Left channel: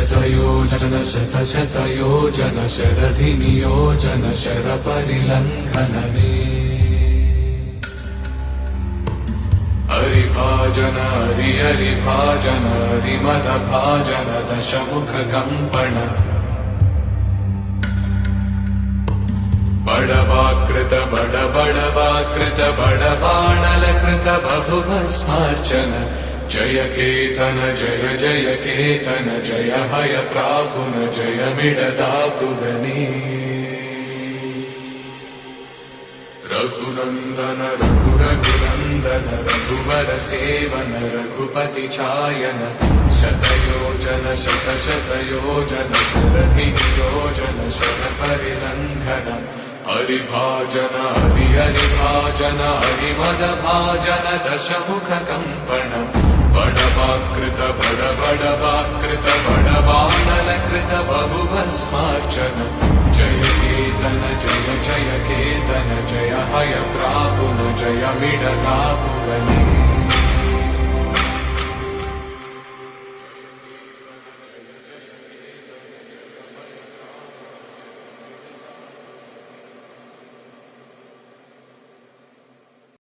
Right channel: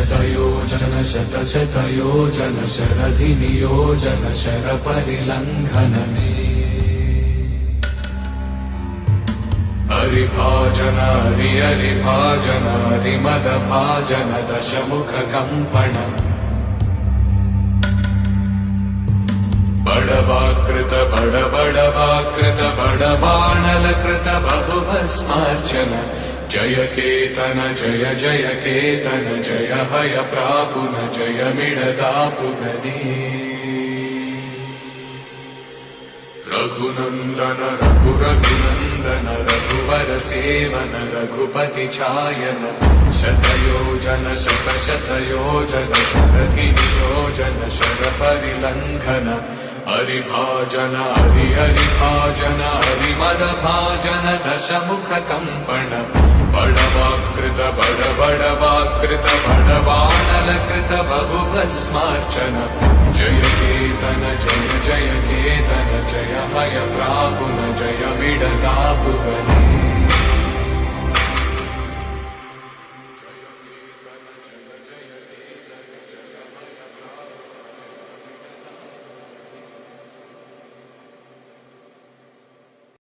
शतयोजन शतशतयोजन शरधिनियोजन शरपरिलङ्घनने हरिभाजन हरिभाजन हरिमदभाजन दशमुखकम्पण बडवाकृत बडबडवाकृत बडबाणलकृत बहुभस्मार्चन जय केतन जय जय केतन जय हय प्रापुन जय मिडदापुगने रघुनन्दन रघुरघुनन्दन रघुवर सेवन रघुपति चायन शतयोजन शतशतयोजन शरधिनियोजन शरपरिलङ्घन हरिभाजन हरिभाजन हरिमदभाजन दशमुखकम्पण बडवाकृत बडबडवाकृत बडबाणलकृत बहुभस्मार्चन जय